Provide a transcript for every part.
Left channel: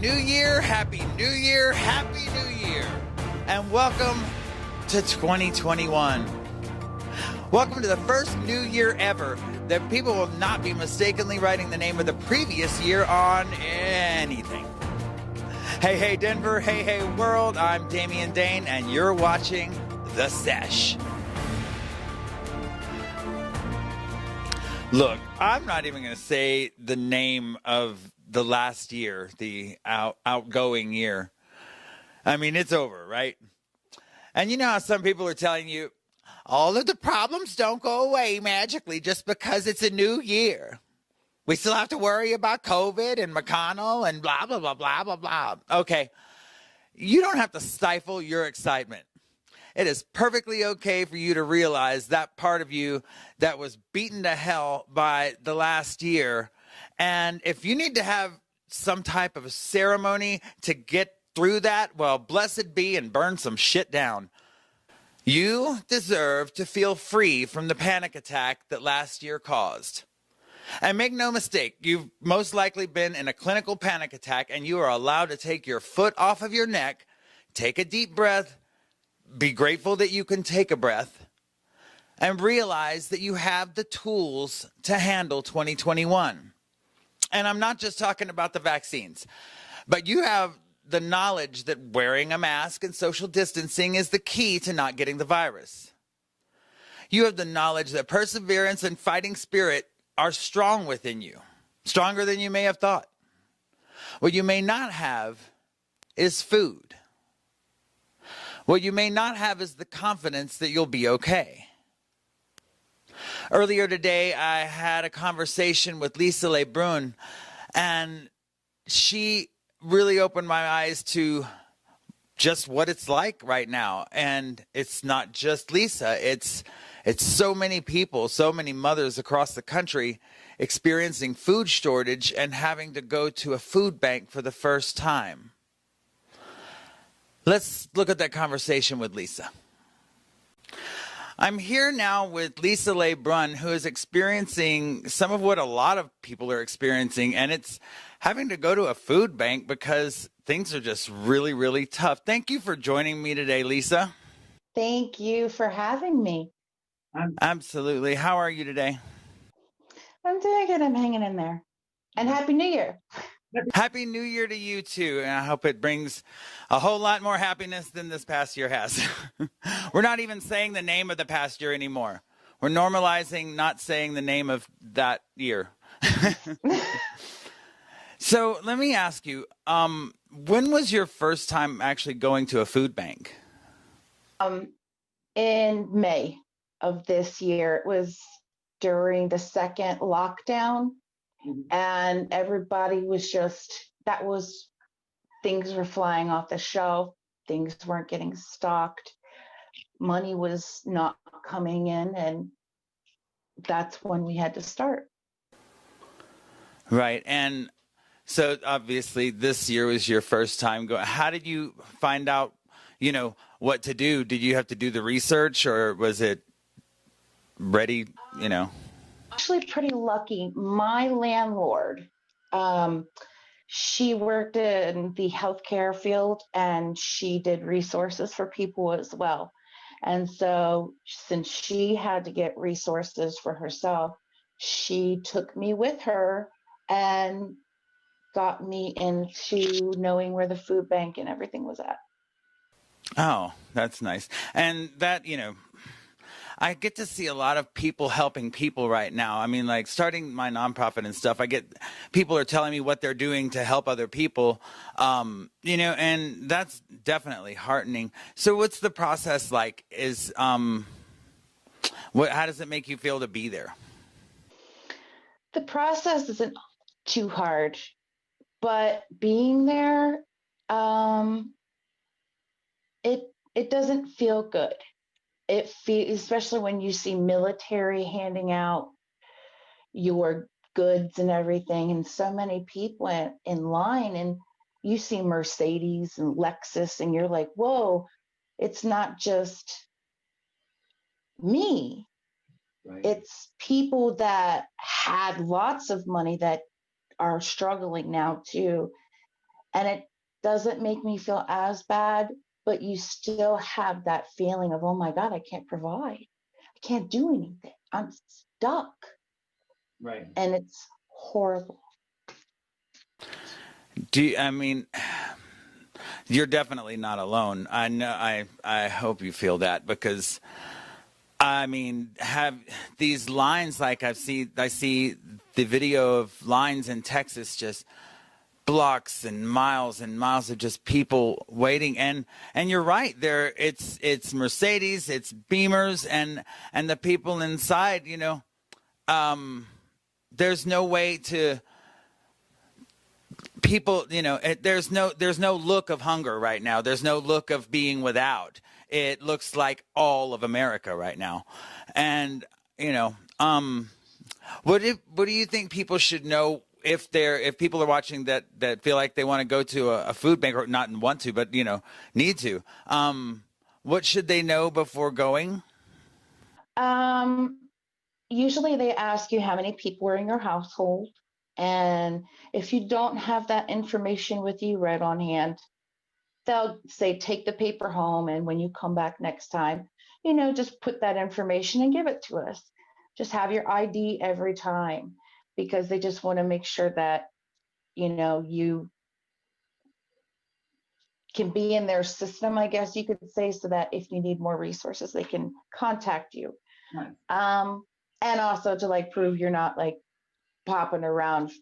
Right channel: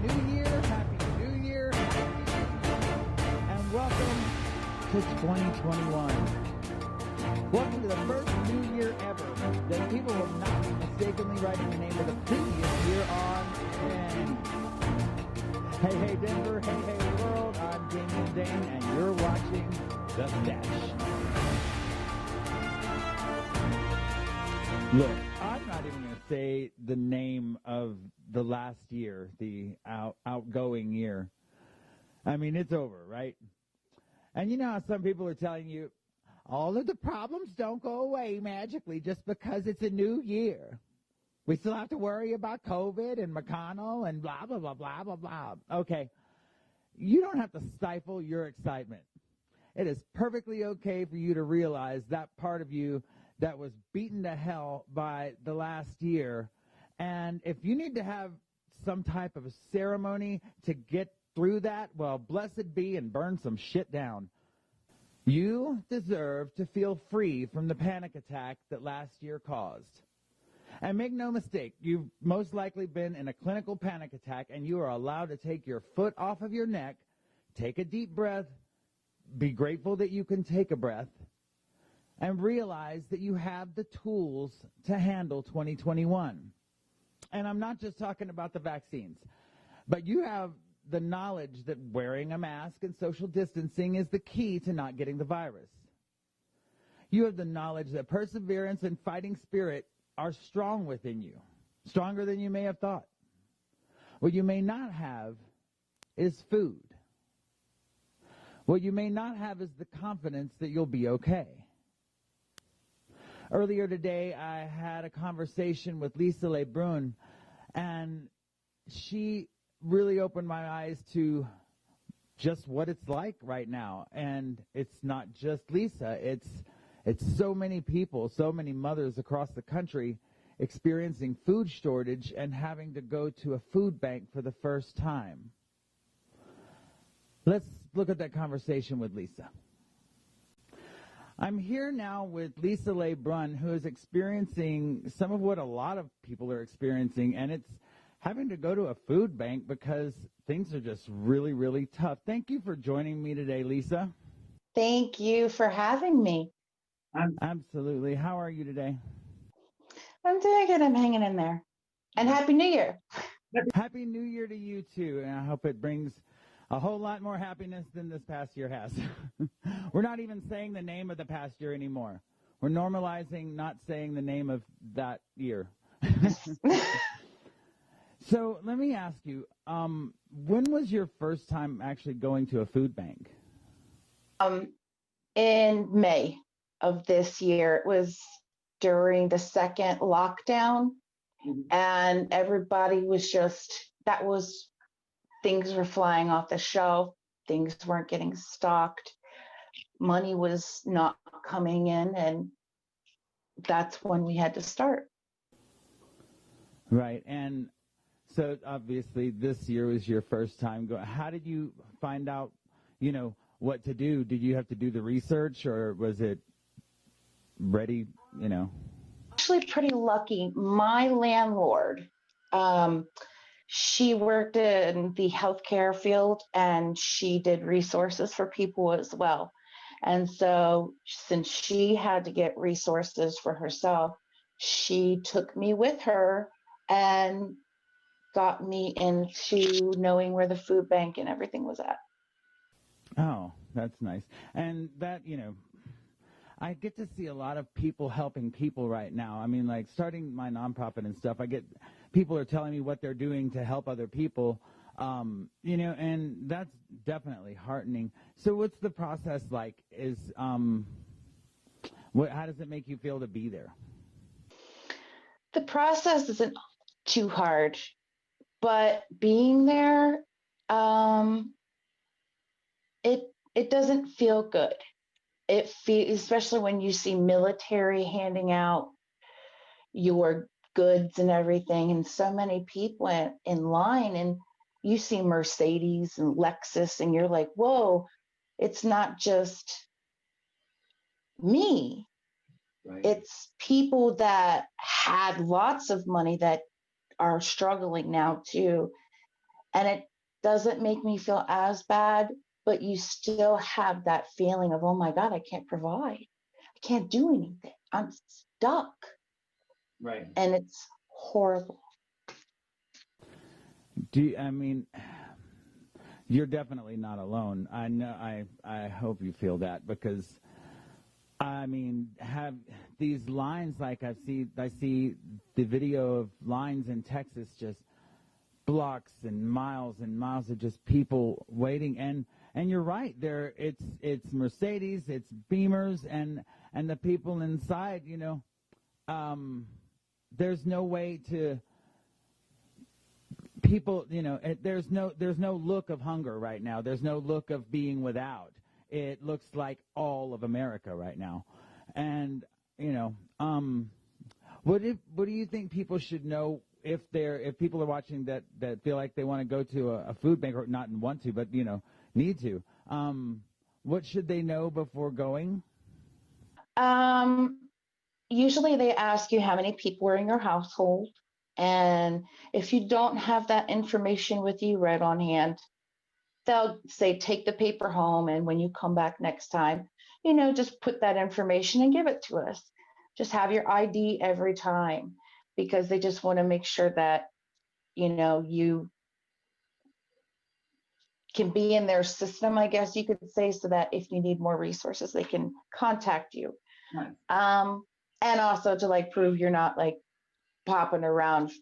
New Year, Happy New Year, Happy New Year, and welcome to 2021. Welcome to the first new year ever that people will not be mistakenly writing the name of the previous year on anything. Hey, hey, Denver. Hey, hey, world. I'm Damien, Dane, and you're watching The Sesh. Look, I'm not even going to say the name of the last year, the outgoing year. I mean, it's over, right? And you know how some people are telling you, all of the problems don't go away magically just because it's a new year. We still have to worry about COVID and McConnell and blah, blah, blah, blah, blah, blah. Okay, you don't have to stifle your excitement. It is perfectly okay for you to realize that part of you that was beaten to hell by the last year. And if you need to have some type of ceremony to get through that, well, blessed be and burn some shit down. You deserve to feel free from the panic attack that last year caused. And make no mistake, you've most likely been in a clinical panic attack, and you are allowed to take your foot off of your neck, take a deep breath, be grateful that you can take a breath, and realize that you have the tools to handle 2021. And I'm not just talking about the vaccines, but you have the knowledge that wearing a mask and social distancing is the key to not getting the virus. You have the knowledge that perseverance and fighting spirit are strong within you, stronger than you may have thought. What you may not have is food. What you may not have is the confidence that you'll be okay. Earlier today, I had a conversation with Lisa Lebrun, and she really opened my eyes to just what it's like right now. And it's not just Lisa, it's so many people, so many mothers across the country experiencing food shortage and having to go to a food bank for the first time. Let's look at that conversation with Lisa. I'm here now with Lisa Lebrun, who is experiencing some of what a lot of people are experiencing, and it's having to go to a food bank because things are just really, really tough. Thank you for joining me today, Lisa. Thank you for having me. Absolutely. How are you today? I'm doing good. I'm hanging in there. And Happy New Year. Happy New Year to you, too. And I hope it brings a whole lot more happiness than this past year has. We're not even saying the name of the past year anymore. We're normalizing not saying the name of that year. So let me ask you, when was your first time actually going to a food bank? In May of this year. It was during the second lockdown. And everybody was things were flying off the shelf. Things weren't getting stocked. Money was not coming in. And that's when we had to start. Right. And so obviously this year was your first time going. How did you find out, what to do? Did you have to do the research, or was it ready, Actually pretty lucky. My landlord, she worked in the healthcare field, and she did resources for people as well. And so since she had to get resources for herself, she took me with her and got me into knowing where the food bank and everything was at. Oh, that's nice. And that, I get to see a lot of people helping people right now. I mean, like starting my nonprofit and stuff, people are telling me what they're doing to help other people, and that's definitely heartening. So what's the process like? How does it make you feel to be there? The process isn't too hard, but being there, it doesn't feel good. It feels, especially when you see military handing out your goods and everything, and so many people in line, and you see Mercedes and Lexus, and you're like, whoa, it's not just me. Right. It's people that had lots of money that are struggling now too. And it doesn't make me feel as bad, but you still have that feeling of, oh my God, I can't provide. I can't do anything. I'm stuck. Right. And it's horrible. I mean, you're definitely not alone. I know. I hope you feel that, because I mean, have these lines, like I see the video of lines in Texas, just blocks and miles of just people waiting. And you're right there. It's Mercedes, it's Beamers, and the people inside, there's no way to people, there's no look of hunger right now. There's no look of being without. It looks like all of America right now. And, what do you think people should know if people are watching that feel like they want to go to a food bank, or not want to, but, need to, what should they know before going? Usually they ask you how many people are in your household. And if you don't have that information with you right on hand, they'll say, take the paper home. And when you come back next time, just put that information and give it to us. Just have your ID every time, because they just want to make sure that, you can be in their system, I guess you could say, so that if you need more resources, they can contact you. Nice. And also to like prove you're not like popping around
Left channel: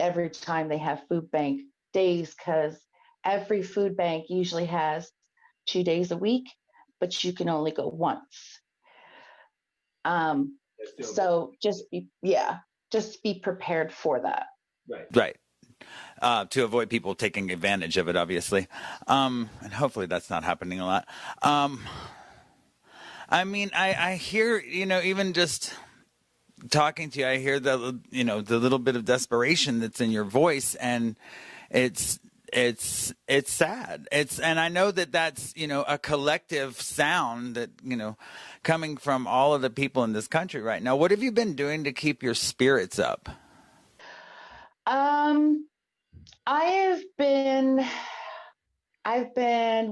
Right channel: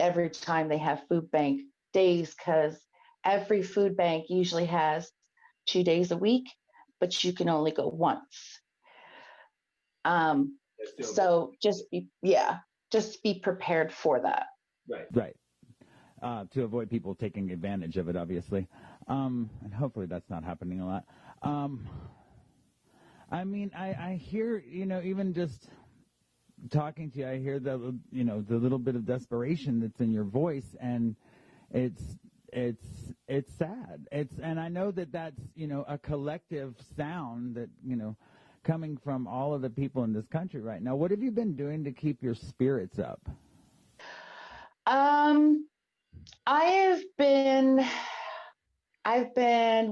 every time they have food bank days, because every food bank usually has 2 days a week, but you can only go once. So just be prepared for that. Right. To avoid people taking advantage of it, obviously. And hopefully that's not happening a lot. I mean, I hear, even just talking to you, I hear the little bit of desperation that's in your voice, and it's sad. And I know that that's, a collective sound that, coming from all of the people in this country right now. What have you been doing to keep your spirits up? I've been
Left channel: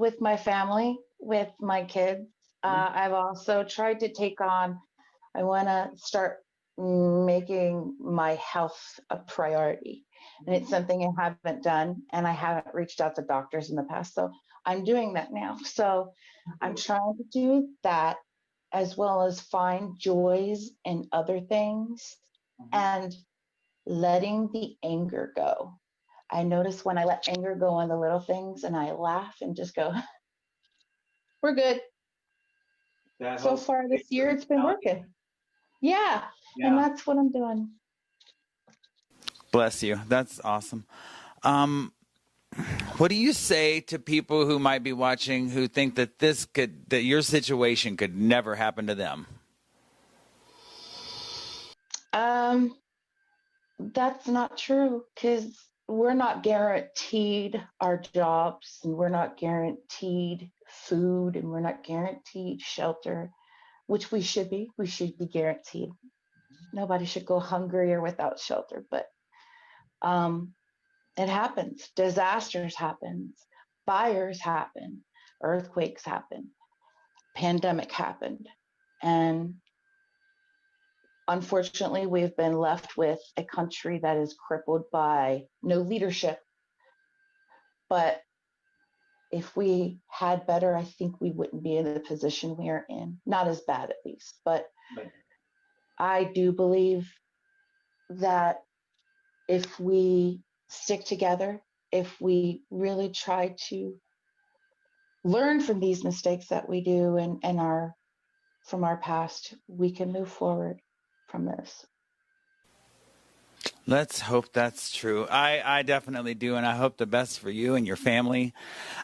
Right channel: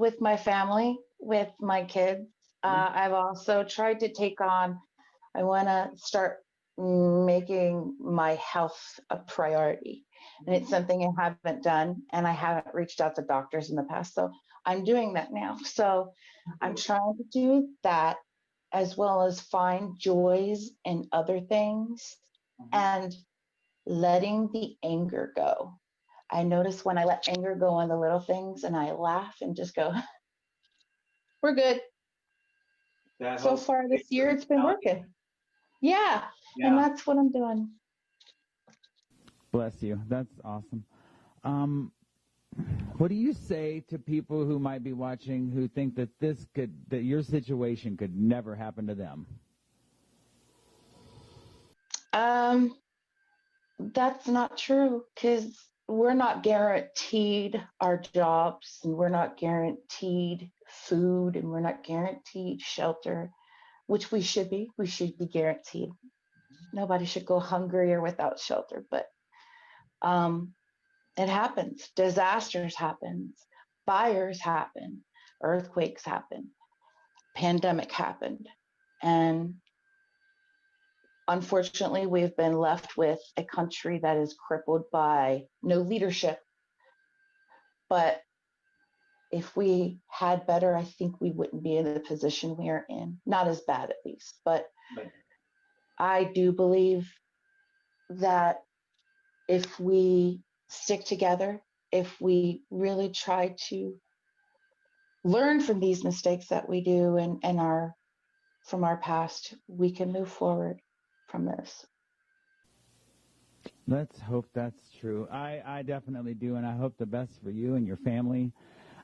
with my family, with my kids. I've also tried to I want to start making my health a priority. And it's something I haven't done, and I haven't reached out to doctors in the past. So I'm doing that now. So I'm trying to do that, as well as find joys in other things and letting the anger go. I notice when I let anger go on the little things and I laugh and just go, we're good. So far this year, it's been working. Yeah. And that's what I'm doing. Bless you. That's awesome. What do you say to people who might be watching who think that that your situation could never happen to them? That's not true, because we're not guaranteed our jobs, and we're not guaranteed food, and we're not guaranteed shelter, which we should be. We should be guaranteed. Nobody should go hungry or without shelter, but it happens. Disasters happen. Fires happen. Earthquakes happen. Pandemic happened. And unfortunately, we've been left with a country that is crippled by no leadership. But if we had better, I think we wouldn't be in the position we are in. Not as bad, at least. But I do believe that if we stick together, if we really try to learn from these mistakes that we do and from our past, we can move forward from this. Let's hope that's true. I definitely do, and I hope the best for you and your family.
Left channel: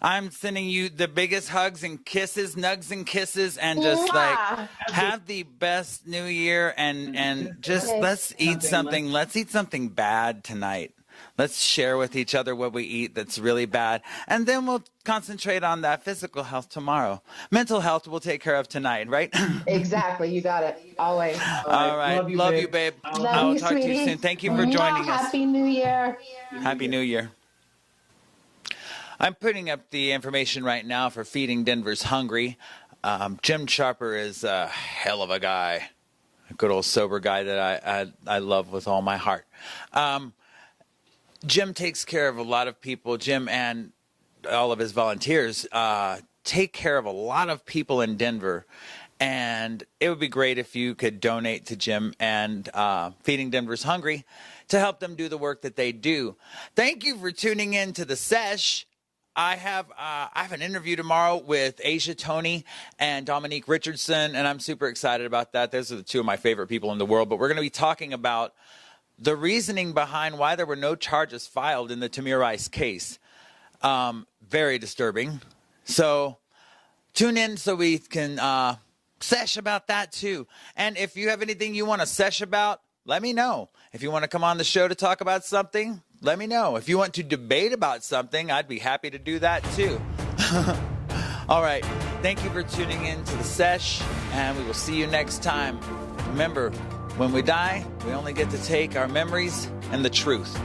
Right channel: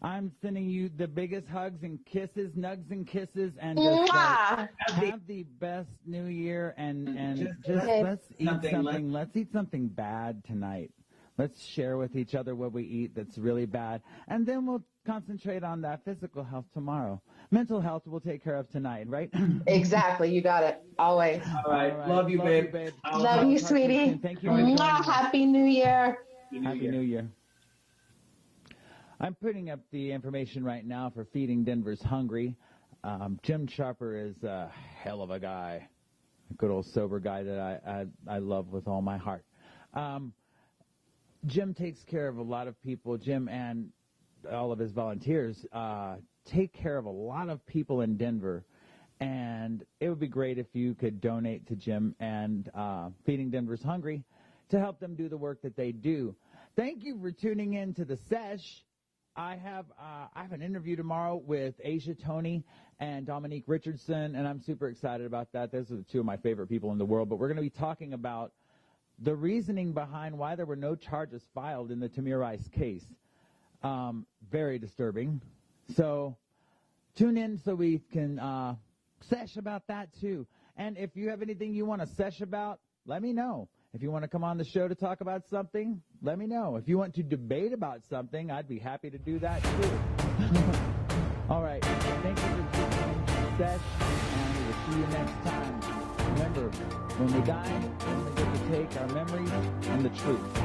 I'm sending you the biggest hugs and kisses, nugs and kisses, and just like have the best New Year, and just let's eat something. Let's eat something bad tonight. Let's share with each other what we eat that's really bad. And then we'll concentrate on that physical health tomorrow. Mental health we'll take care of tonight, right? Exactly. You got it. Always. All right. Love you, babe. Love you, talk sweetie. To you soon. Thank you for joining us. Happy New Year. Happy New Year. I'm putting up the information right now for Feeding Denver's Hungry. Jim Sharper is a hell of a guy, a good old sober guy that I love with all my heart. Jim takes care of a lot of people. Jim and all of his volunteers take care of a lot of people in Denver. And it would be great if you could donate to Jim and Feeding Denver's Hungry to help them do the work that they do. Thank you for tuning in to The Sesh. I have an interview tomorrow with Asia Tony and Dominique Richardson, and I'm super excited about that. Those are the two of my favorite people in the world. But we're going to be talking about the reasoning behind why there were no charges filed in the Tamir Rice case. Very disturbing. So tune in so we can sesh about that too. And if you have anything you want to sesh about, let me know. If you want to come on the show to talk about something, let me know. If you want to debate about something, I'd be happy to do that too. All right. Thank you for tuning in to The Sesh, and we will see you next time. Remember, when we die, we only get to take our memories and the truth.